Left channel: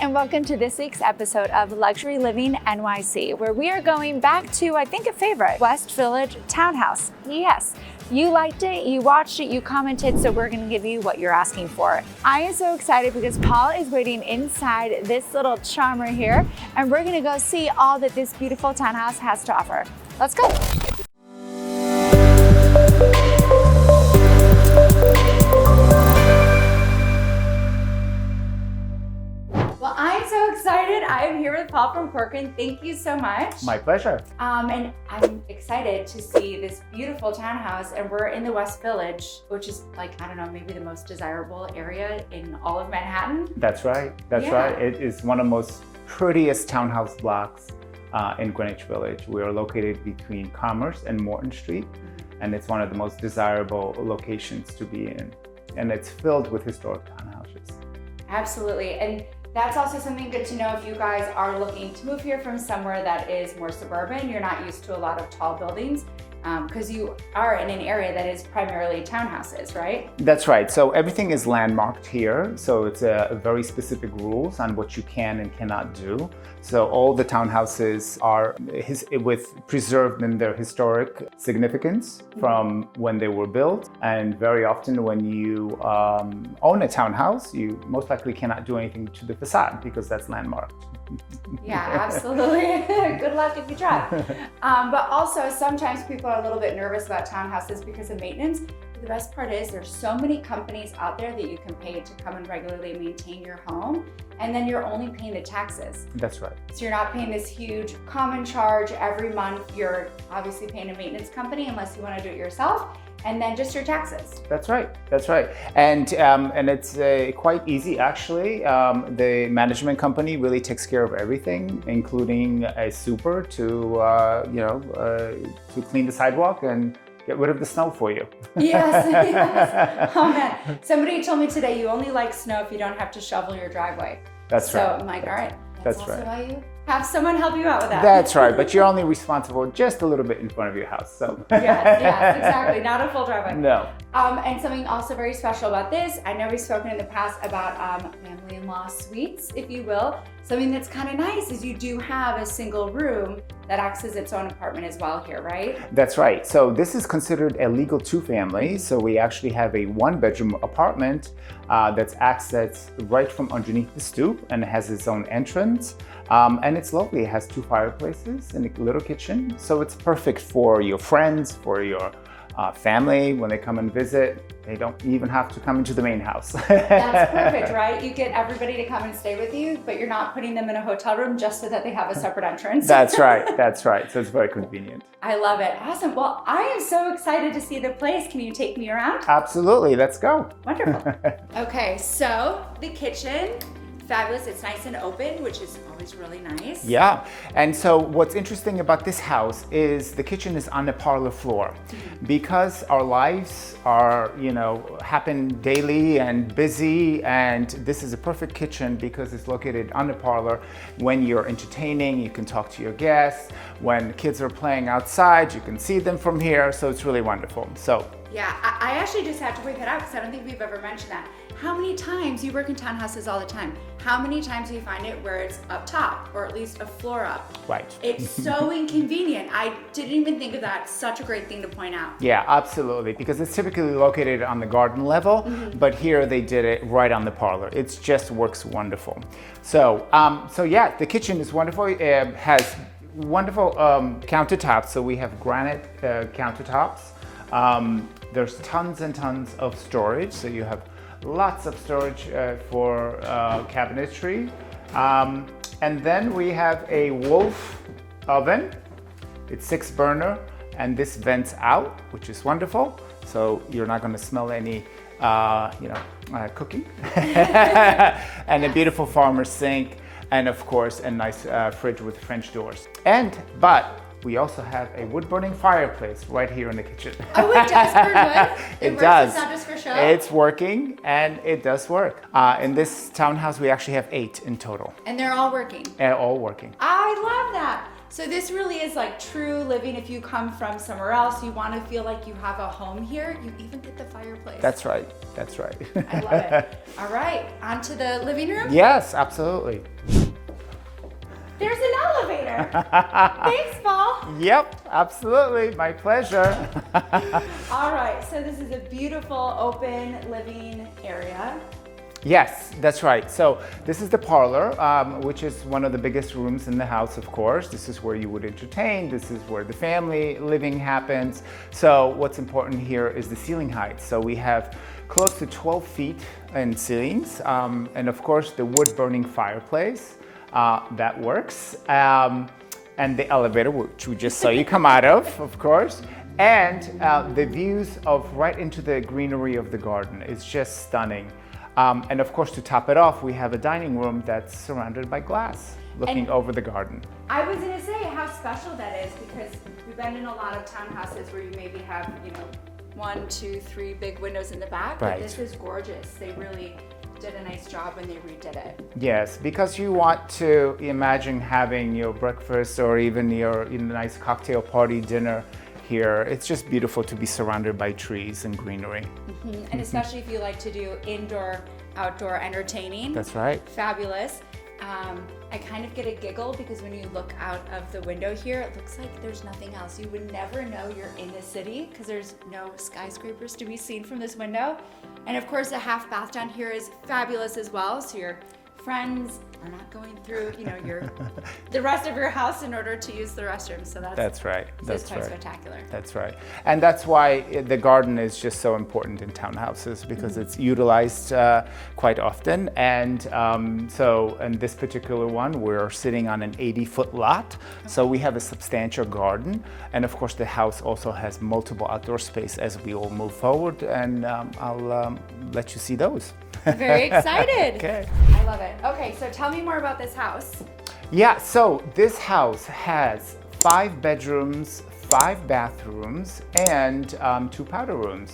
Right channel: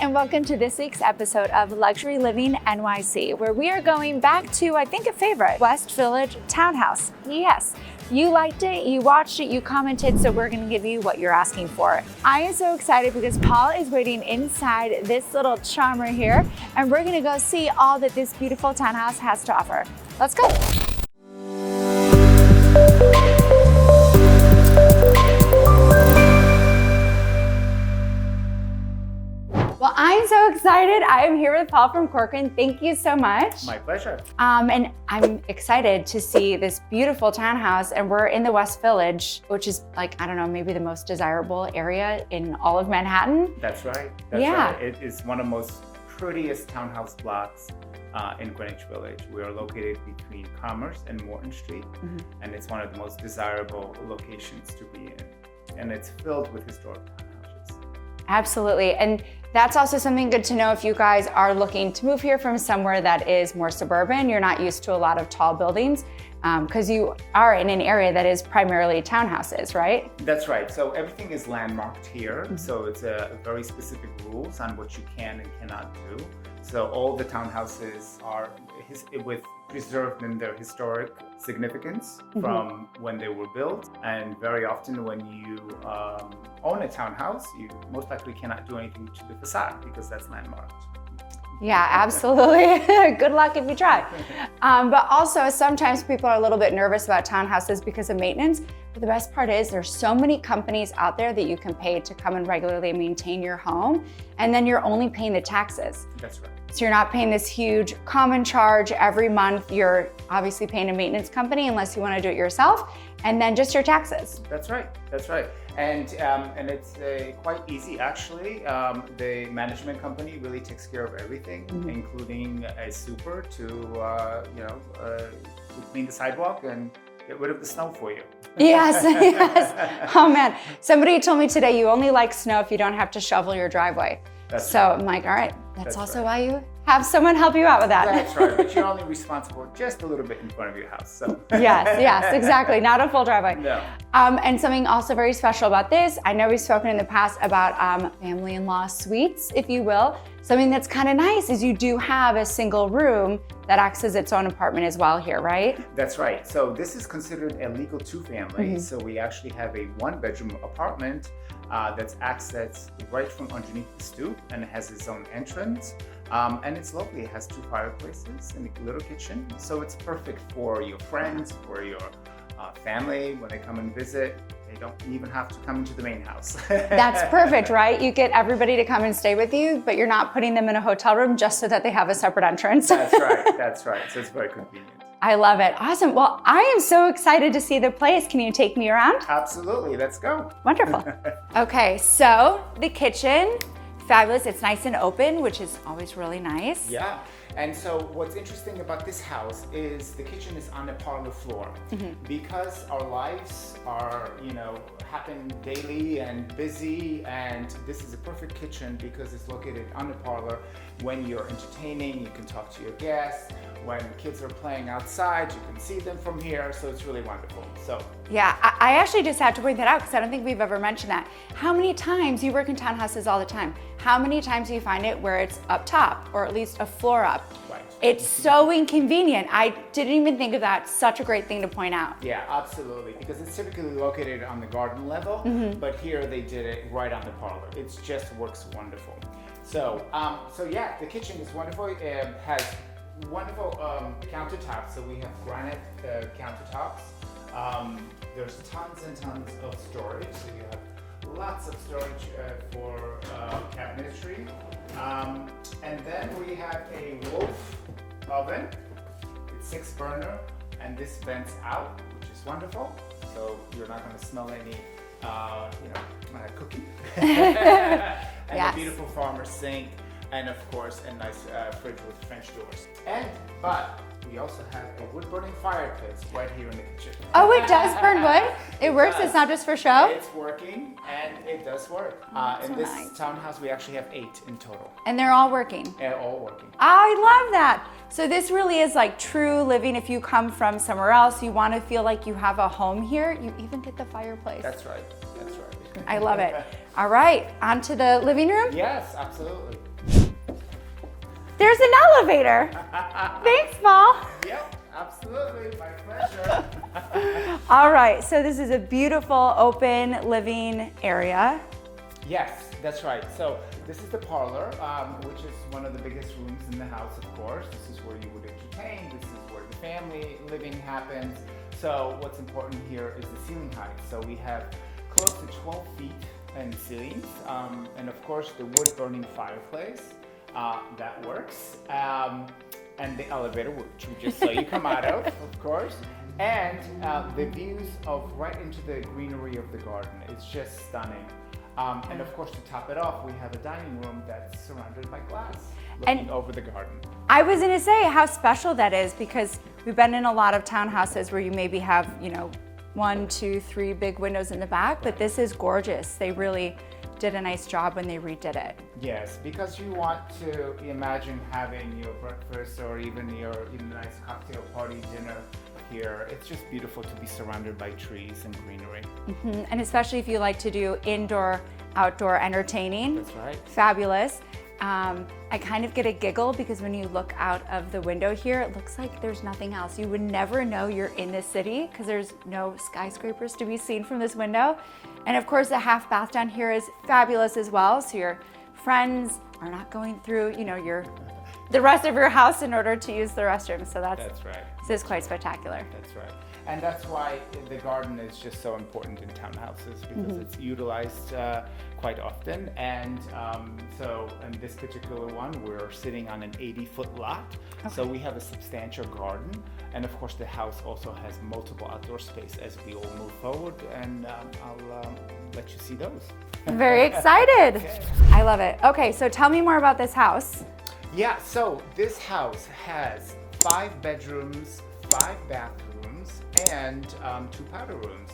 and welcome to this week's episode of Luxury Living NYC, where we are going back to, I think, a favorite, West Village Townhouse. Yes, you liked it, you watched it, you commented, so we're gonna give you what you're asking for. I am so excited because Paul is waiting inside this little charmer here, and we're gonna go see all that this beautiful townhouse has to offer. Let's go. I'm so excited. I am here with Paul from Corcoran. Thank you so much. My pleasure. And I'm excited to see this beautiful townhouse, and we're in the West Village, which is like, I don't know, maybe the most desirable area in all of Manhattan. That's right. That's right. It is one of the most prettiest townhouse blocks in Greenwich Village. We are located between Commerce and Morton Street, and it's one of the most desirable locations to be in. And it's filled with historic townhouses. Absolutely. And that's also something good to know if you guys are looking to move here from somewhere that is more suburban. You're not used to a lot of tall buildings because you are in an area that is primarily townhouses, right? That's right. So everything is landmarked here. So it's a very specific rules on what you can and cannot do. So all the townhouses are preserved in their historic significance from when they were built. And very often when you own a townhouse, you most likely cannot do anything to the facade because that's landmarked. Yeah, absolutely. Good luck if you try. But also sometimes people are a little bit nervous about townhouses because of maintenance. But the best part is there's so many companies out there that you can pay to come and regularly maintain your home. And then you're only paying the taxes. That's right. So you're not paying this huge common charge every month. You're obviously paying a maintenance company unless you want to do it yourself. And then just your taxes. That's right. That's right. And it's quite easy actually. The management company really takes care of everything, including a super to clean the sidewalk and get rid of the snow for you. Yes, yes. Oh man, somebody told me today you only like snow if you don't have to shovel your driveway. That's so right. I'm like, all right, that's also why you have someone help you out with that. That's right, but you're only responsible just a little bit in front of your house. So yes, exactly. Not a full driveway. No. And something also very special about this, I know we've spoken in the past about family-in-law suites, if you will. Something that's kind of nice is you do have a single room that acts as its own apartment as well here, right? That's right. So this is considered a legal two-family. So we actually have a one-bedroom apartment that's accessed right from underneath the stoop and it has its own entrance. And it's lovely. It has two fireplaces and a little kitchen. So it's perfect for your friends, for your family when they come and visit. They don't even have to come into the main house. That's perfect, right? You get everybody to come and stay with you, but you're not putting them in a hotel room just so that they have a separate entrance. That's right. That's right. So it's very convenient. I love it. Awesome. Well, I am so excited to see the place. Can you take me around? Absolutely. Let's go. Wonderful. Okay, so the kitchen. Fabulous. It's nice and open, which is always really nice. Yeah. And so what's interesting about this house is the kitchen is on the parlor floor. Because our lives are, happen daily and busy, and this is a perfect kitchen because it's located on the parlor. When you're entertaining, you can talk to your guests. When kids are playing outside, you can see them from here. So it's really wonderful. So yeah, I actually just have to point that out because I don't think we've ever mentioned that. How many times, you work in townhouses all the time, how many times do you find it where it's up top or at least a floor up? Right. It's so inconvenient. I didn't even think of that. Such a great thing to point out. Yeah, absolutely. Because it's typically located on the garden level, but here they did it right on the parlor. It just works wonderful. So yeah, the kitchen is wonderful. It has wonderful countertops. So we have granite countertops. There's tons and tons of storage. So you have lots of storage for cabinetry. And then we have a Wolf oven. It's 6 burner and this vents out, which is wonderful. So you're not going to smell any cooking. And a beautiful farmer's sink. And of course, a nice fridge with French doors. But we also have a wood-burning fireplace right here in the kitchen. Oh, it does burn wood? It works? Does. It's not just for show? It's working, and it does work. In this townhouse, we actually have 8 in total. And they're all working? And all working. I love that. So this really is like true living. If you come from somewhere else, you want to feel like you have a home here, you even get the fireplace. That's right. That's right. I love it. All right, on to the living room? Yes, absolutely. There's an elevator. Thanks, Paul. Yep, absolutely. My pleasure. All right, so this is a beautiful open living area. Yes, that's right. So this is the parlor, which is one of the biggest rooms in the house, of course. This is where you would entertain. This is where the family living happens. So what's important here is the ceiling height. So we have close to 12 feet in ceilings. And of course, the wood burning fireplace, that works. And the elevator, which we just saw you come out of course. And the views of right into the greenery of the garden. It's just stunning. And of course, to top it off, we have a dining room that's surrounded by glass, looking over the garden. I was gonna say how special that is, because we've been in a lot of townhouses where you maybe have, 1, 2, 3 big windows in the back, but this is gorgeous. They really did a nice job when they redid it. Yes, because you want to imagine having your breakfast or even your nice cocktail party dinner here. It's just beautiful to be surrounded by trees and greenery. And especially if you like to do indoor, outdoor entertaining. That's right. Fabulous. I kind of get a giggle because when you look out of the window here, it looks like there's nothing else. You would never know you're in the city because there's no skyscrapers to be seen from this window. And of course, the half bath down here is fabulous as well. So your friends are not going through, the rest of your house in order to use the restroom. So that's right. This is quite spectacular. That's right. And that's why the garden is just so important in townhouses, because it's utilized quite often. And so in this particular one, we're sitting on an 80-foot lot. Okay. So we have a substantial garden. And of course, the house also has multiple outdoor space as we all move forward. And I'll let you see those. Very excited. Okay. I love it. Okay, so tell me more about this house. Yeah, so this house has 5 bedrooms, 5 bathrooms, and 2 powder rooms.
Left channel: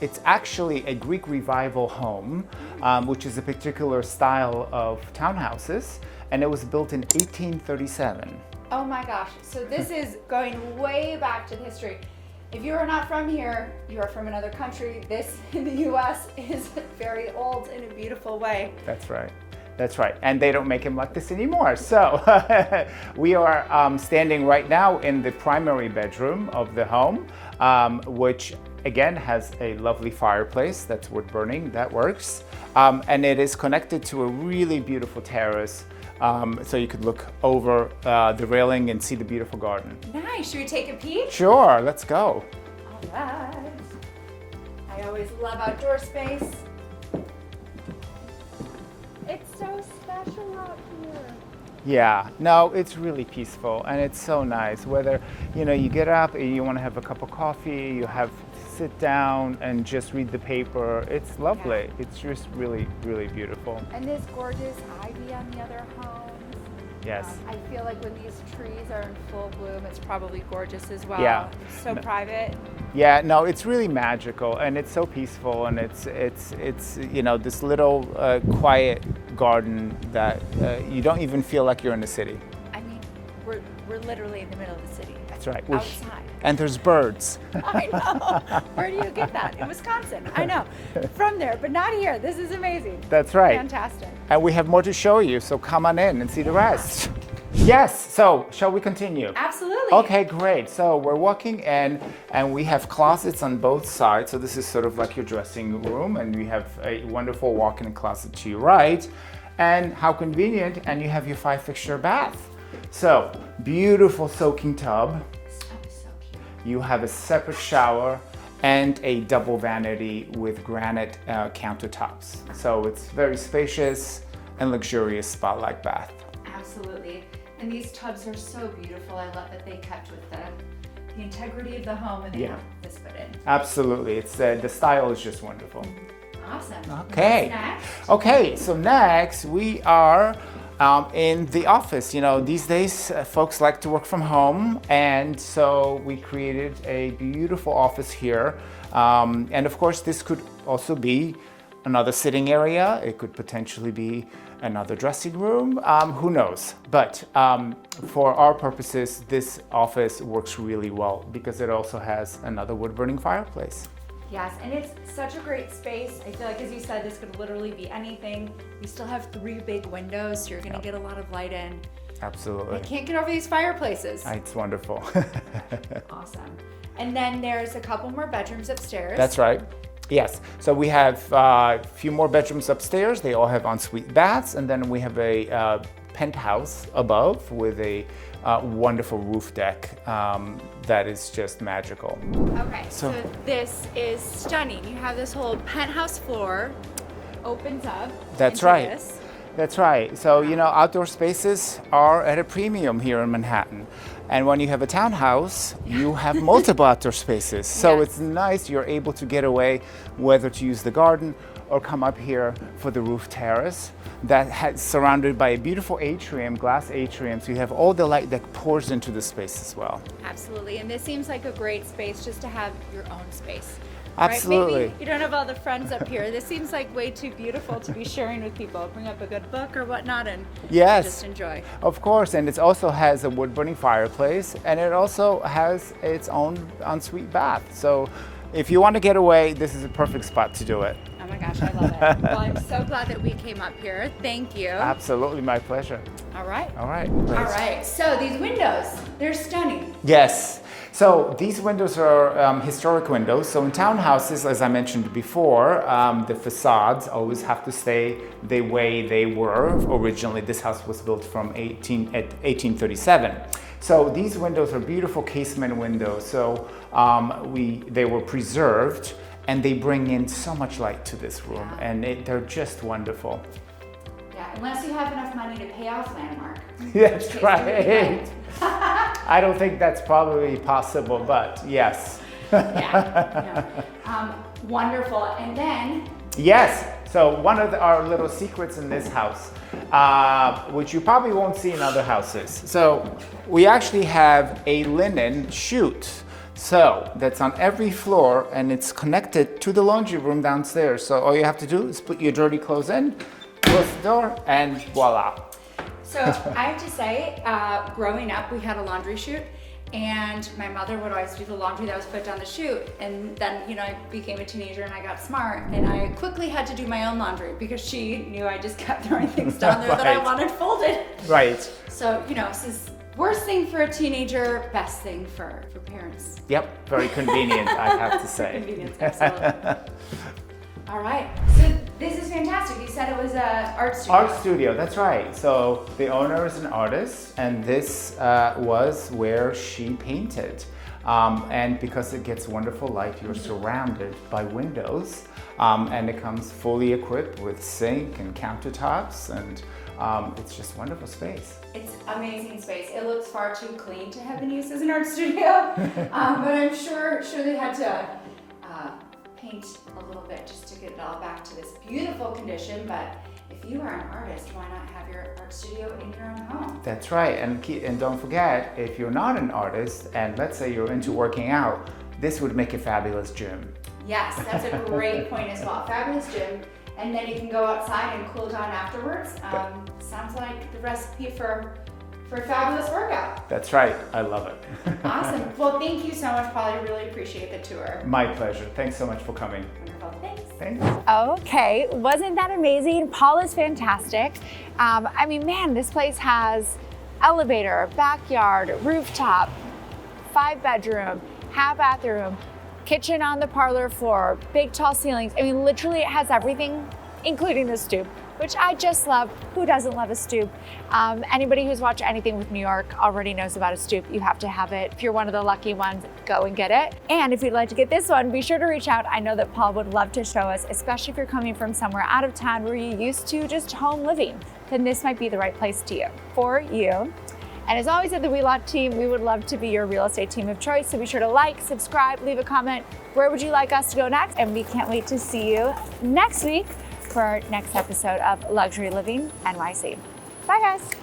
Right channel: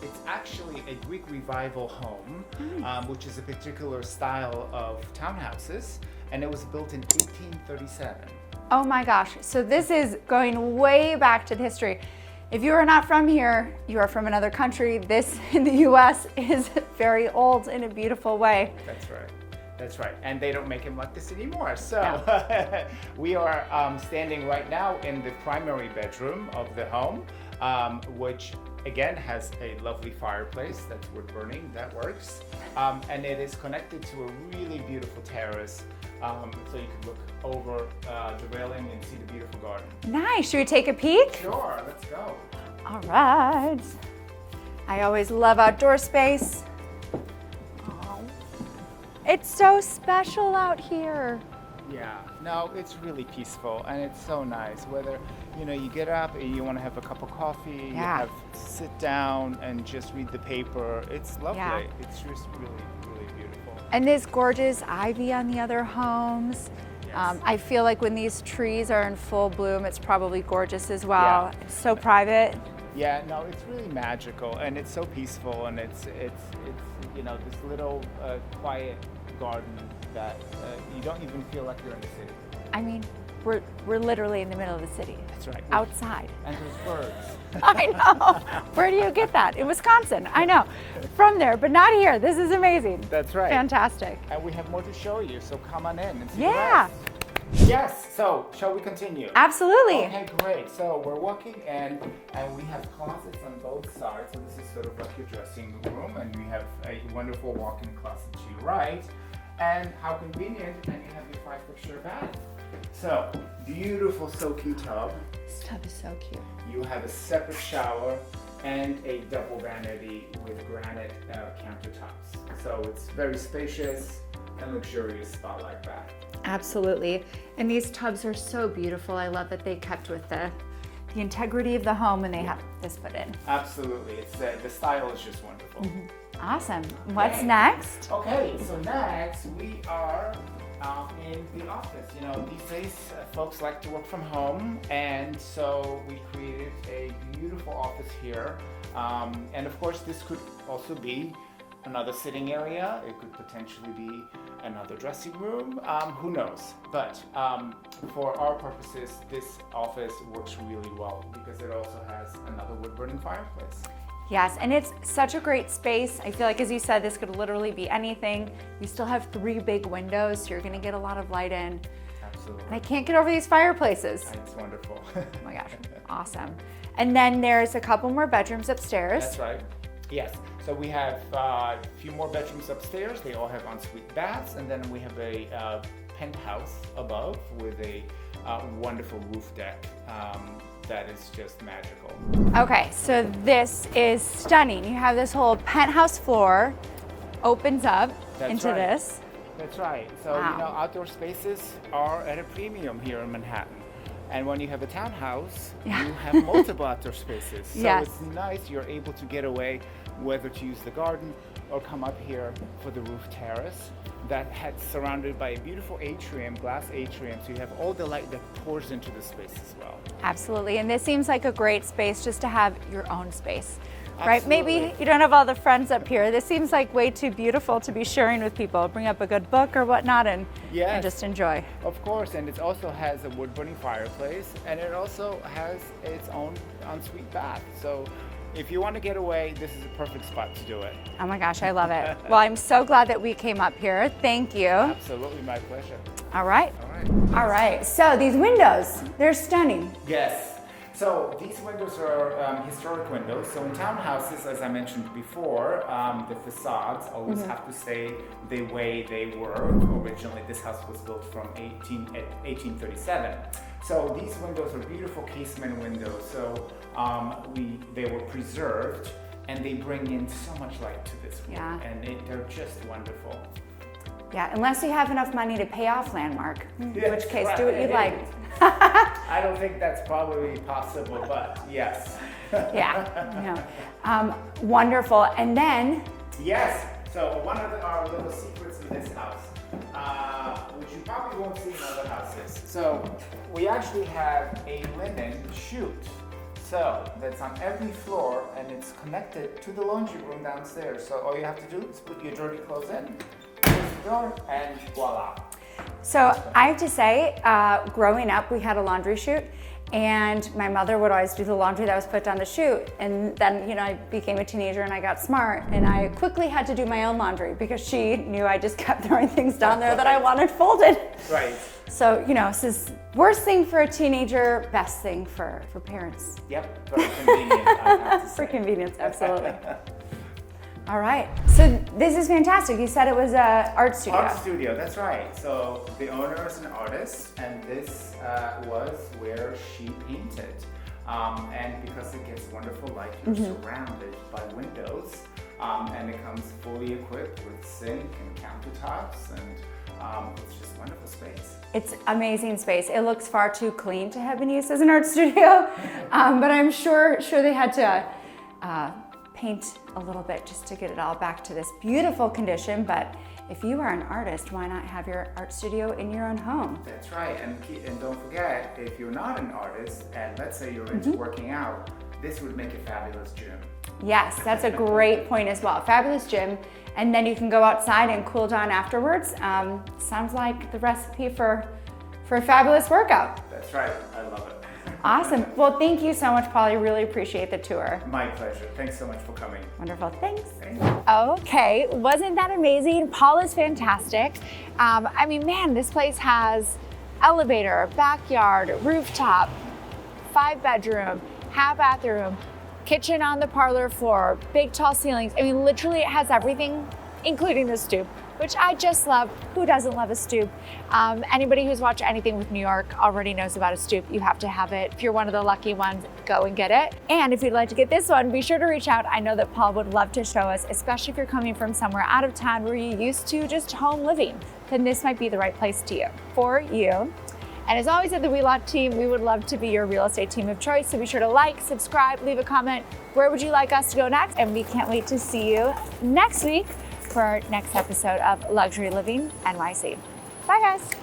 It's actually a Greek Revival home, which is a particular style of townhouses, and it was built in 1837. Oh my gosh, so this is going way back to the history. If you are not from here, you are from another country. This in the US is very old in a beautiful way. That's right. That's right. And they don't make them like this anymore. So we are standing right now in the primary bedroom of the home, which again has a lovely fireplace that's wood burning. That works. And it is connected to a really beautiful terrace. So you could look over the railing and see the beautiful garden. Nice. Should we take a peek? Sure, let's go. All right. I always love outdoor space. It's so special out here. Yeah, no, it's really peaceful and it's so nice. Whether, you get up and you want to have a cup of coffee, you have sit down and just read the paper. It's lovely. Yeah. It's just really, really beautiful. And there's gorgeous ivy on the other homes. Yes. I feel like when these trees are in full bloom, it's probably gorgeous as well. Yeah. It's so private. Yeah, no, it's really magical and it's so peaceful, and it's this little quiet garden that you don't even feel like you're in the city. I mean, we're literally in the middle of the city. That's right. Outside. And there's birds. I know. Where do you get that? In Wisconsin. I know. From there, but not here. This is amazing. That's right. Fantastic. And we have more to show you, so come on in and see the rest. Yes, so shall we continue? Absolutely. Okay, great. So we're walking in and we have closets on both sides. So this is sort of like your dressing room, and we have a wonderful walk-in closet to your right. And how convenient, and you have your 5-fixture bath. So beautiful soaking tub. This tub is so cute. You have a separate shower and a double vanity with granite countertops. So it's very spacious and luxurious spa-like bath. Absolutely. And these tubs are so beautiful. I love that they kept with the integrity of the home and they have this put in. Absolutely. It's the style is just wonderful. Awesome. Okay. What's next? Okay, so next we are in the office. You know, these days folks like to work from home, and so we created a beautiful office here. And of course, this could also be another sitting area. It could potentially be another dressing room. Who knows? But for our purposes, this office works really well because it also has another wood-burning fireplace. Yes, and it's such a great space. I feel like, as you said, this could literally be anything. You still have 3 big windows, so you're gonna get a lot of light in. Absolutely. I can't get over these fireplaces. It's wonderful. Oh my gosh, awesome. And then there's a couple more bedrooms upstairs. That's right. Yes, so we have a few more bedrooms upstairs. They all have ensuite baths, and then we have a penthouse above with a wonderful roof deck that is just magical. Okay, so this is stunning. You have this whole penthouse floor, opens up into this. That's right. So, Wow. you know, outdoor spaces are at a premium here in Manhattan. And when you have a townhouse, you have multiple outdoor spaces. So Yes. it's nice you're able to get away, whether to use the garden or come up here for the roof terrace that surrounded by a beautiful atrium, glass atrium. So you have all the light that pours into the space as well. Absolutely, and this seems like a great space just to have your own space. Absolutely. Right? Maybe you don't have all the friends up here. This seems like way too beautiful to be sharing with people. Bring up a good book or whatnot and Yes. just enjoy. Of course, and it also has a wood-burning fireplace, and it also has its own ensuite bath. So if you want to get away, this is a perfect spot to do it. Oh my gosh, I love it. Well, I'm so glad that we came up here. Thank you. Absolutely, my pleasure. All right. All right. All right, so these windows, they're stunning. Yes. So these windows are historic windows. So in townhouses, as I mentioned before, the facades always have to stay the way they were originally. This house was built from 1837. So these windows are beautiful casement windows. So they were preserved, and they bring in so much light to this room, Yeah. and they're just wonderful. Yeah, unless you have enough money to pay off Landmark. That's in which case, right. do what you like. I don't think that's probably possible, but yes. Yeah. Wonderful. And then, Yes. So one of our little secrets in this house, which you probably won't see in other houses. So we actually have a linen chute. So that's on every floor, and it's connected to the laundry room downstairs. So all you have to do is put your dirty clothes in, close the door, and voila. so I have to say, growing up, we had a laundry chute, and my mother would always do the laundry that was put down the chute. And then, I became a teenager and I got smart, and I quickly had to do my own laundry because she knew I just kept throwing things down there that I Right. wanted folded. Right. So, this is worst thing for a teenager, best thing for parents. Yep. Very convenient, I have to For say. convenience, absolutely. All right, so this is fantastic. You said it was an art studio. Art studio, that's right. So the owner is an artist, and this was where she painted. And because it gets wonderful light, you're surrounded by windows, and it comes fully equipped with sink and countertops, and it's just wonderful space. It's amazing space. It looks far too clean to have been used as an art studio, but I'm sure they had to paint a little bit just to get it all back to this beautiful condition. But if you are an artist, why not have your art studio in your own home? That's right, and don't forget, if you're not an artist, and let's say you're into working out, this would make a fabulous gym. Yes, that's a great point as well. Fabulous gym. And then you can go outside and cool down afterwards. Sounds like the recipe for a fabulous workout. That's right, I love it. Awesome. Well, thank you so much, Paul. I really appreciate the tour. My pleasure. Thanks so much for coming. Wonderful. Thanks. Thank you. Okay, wasn't that amazing? Paul is fantastic. Man, this place has elevator, backyard, rooftop, 5-bedroom, half bathroom, kitchen on the parlor floor, big tall ceilings. Literally it has everything, including the stoop, which I just love. Who doesn't love a stoop? Anybody who's watched anything with New York already knows about a stoop. You have to have it. If you're one of the lucky ones, go and get it. And if you'd like to get this one, be sure to reach out. I know that Paul would love to show us, especially if you're coming from somewhere out of town where you're used to just home living, then this might be the right place for you. And as always at the WeLot team, we would love to be your real estate team of choice. So be sure to like, subscribe, leave a comment. Where would you like us to go next? And we can't wait to see you next week for our next episode of Luxury Living NYC. Bye, guys.